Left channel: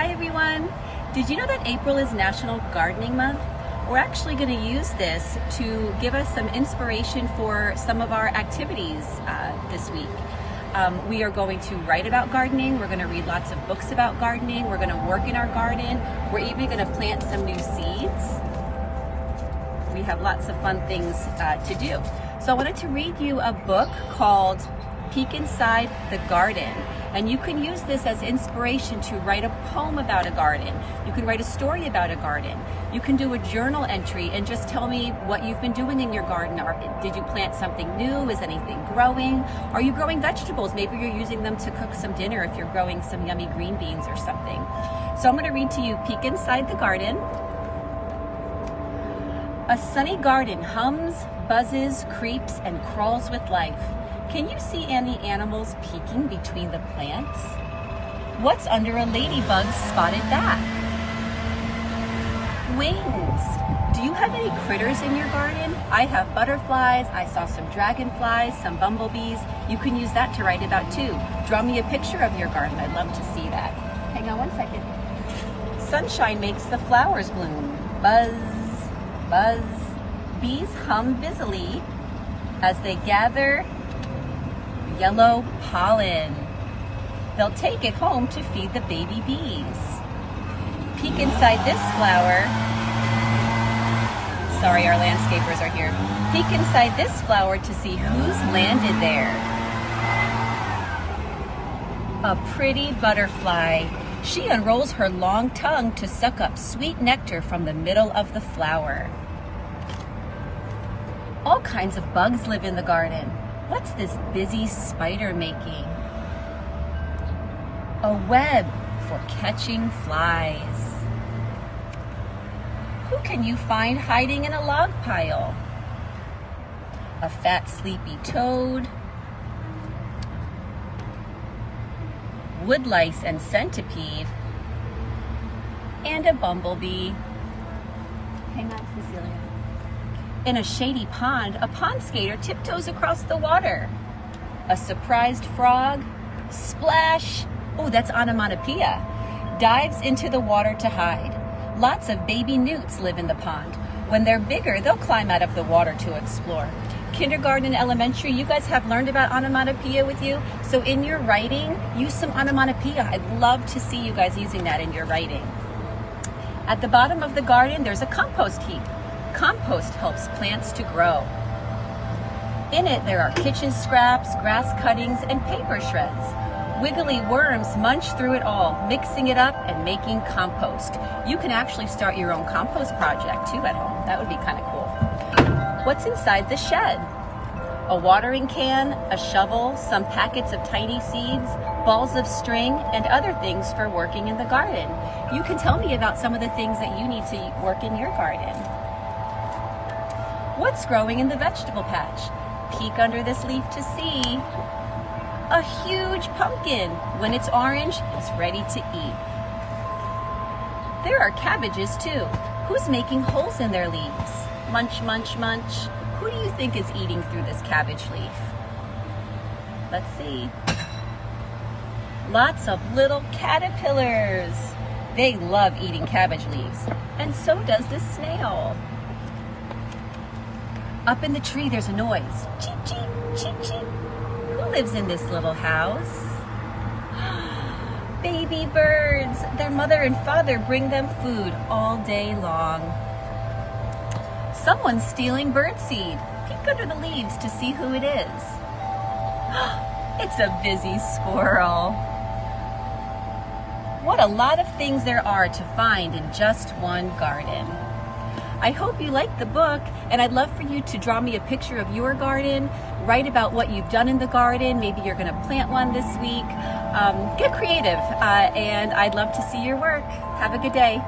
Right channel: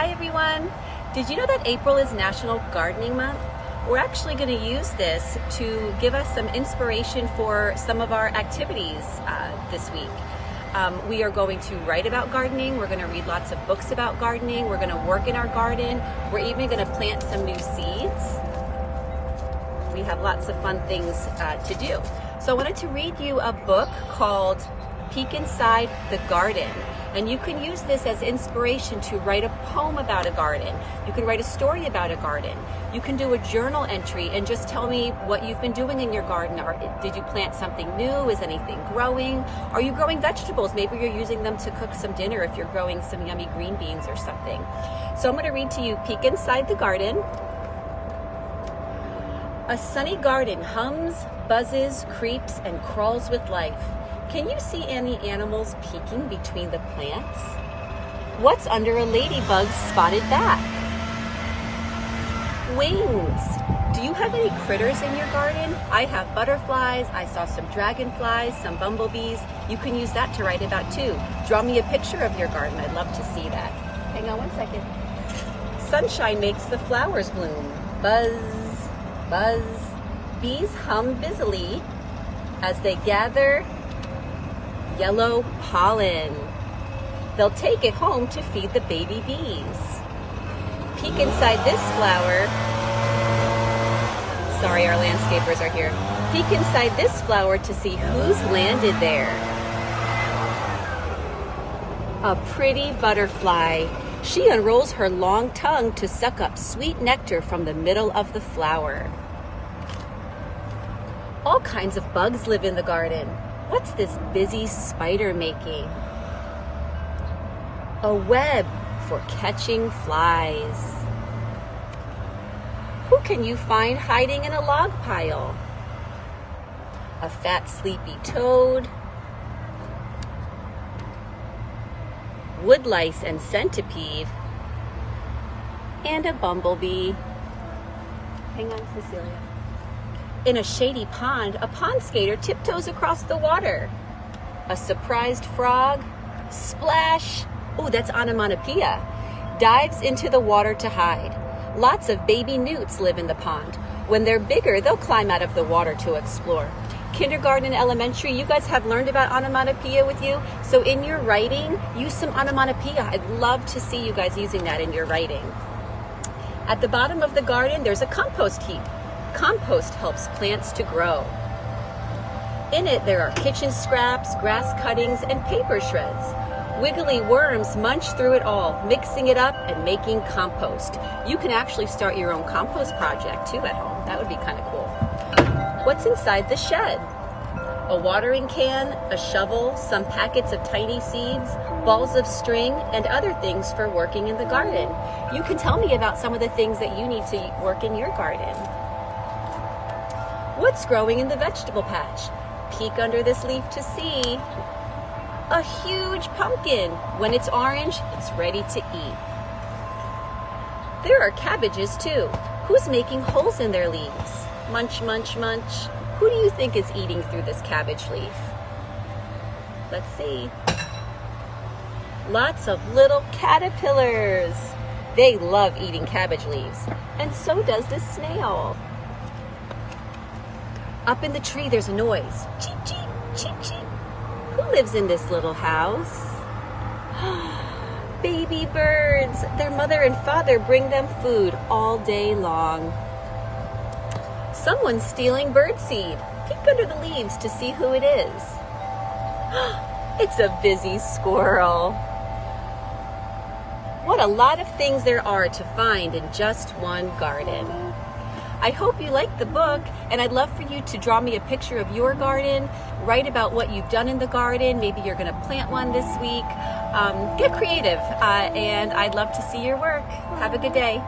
Hi everyone! Did you know that April is National Gardening Month? We're actually going to use this to give us some inspiration for some of our activities this week. We are going to write about gardening, we're going to read lots of books about gardening, we're going to work in our garden, we're even going to plant some new seeds. We have lots of fun things to do. So I wanted to read you a book called Peek Inside the Garden. And you can use this as inspiration to write a poem about a garden. You can write a story about a garden. You can do a journal entry and just tell me what you've been doing in your garden. Did you plant something new? Is anything growing? Are you growing vegetables? Maybe you're using them to cook some dinner if you're growing some yummy green beans or something. So I'm going to read to you Peek Inside the Garden. A sunny garden hums, buzzes, creeps, and crawls with life. Can you see any animals peeking between the plants? What's under a ladybug's spotted back? Wings. Do you have any critters in your garden? I have butterflies, I saw some dragonflies, some bumblebees. You can use that to write about too. Draw me a picture of your garden. I'd love to see that. Hang on one second. Sunshine makes the flowers bloom. Buzz, buzz. Bees hum busily as they gather yellow pollen. They'll take it home to feed the baby bees. Peek inside this flower. Sorry, our landscapers are here. Peek inside this flower to see who's landed there. A pretty butterfly. She unrolls her long tongue to suck up sweet nectar from the middle of the flower. All kinds of bugs live in the garden. What's this busy spider making? A web for catching flies. Who can you find hiding in a log pile? A fat, sleepy toad. Woodlice and centipede. And a bumblebee. Hang on, Cecilia. In a shady pond, a pond skater tiptoes across the water. A surprised frog, splash, oh, that's onomatopoeia, dives into the water to hide. Lots of baby newts live in the pond. When they're bigger, they'll climb out of the water to explore. Kindergarten and elementary, you guys have learned about onomatopoeia with you. So in your writing, use some onomatopoeia. I'd love to see you guys using that in your writing. At the bottom of the garden, there's a compost heap. Compost helps plants to grow. In it, there are kitchen scraps, grass cuttings, and paper shreds. Wiggly worms munch through it all, mixing it up and making compost. You can actually start your own compost project too at home. That would be kind of cool. What's inside the shed? A watering can, a shovel, some packets of tiny seeds, balls of string, and other things for working in the garden. You can tell me about some of the things that you need to work in your garden. What's growing in the vegetable patch? Peek under this leaf to see. A huge pumpkin. When it's orange, it's ready to eat. There are cabbages too. Who's making holes in their leaves? Munch, munch, munch. Who do you think is eating through this cabbage leaf? Let's see. Lots of little caterpillars. They love eating cabbage leaves. And so does this snail. Up in the tree, there's a noise. Cheep, cheep, cheep, cheep. Who lives in this little house? Baby birds. Their mother and father bring them food all day long. Someone's stealing birdseed. Peek under the leaves to see who it is. It's a busy squirrel. What a lot of things there are to find in just one garden. I hope you liked the book, and I'd love for you to draw me a picture of your garden, write about what you've done in the garden. Maybe you're going to plant one this week. Get creative, and I'd love to see your work. Have a good day.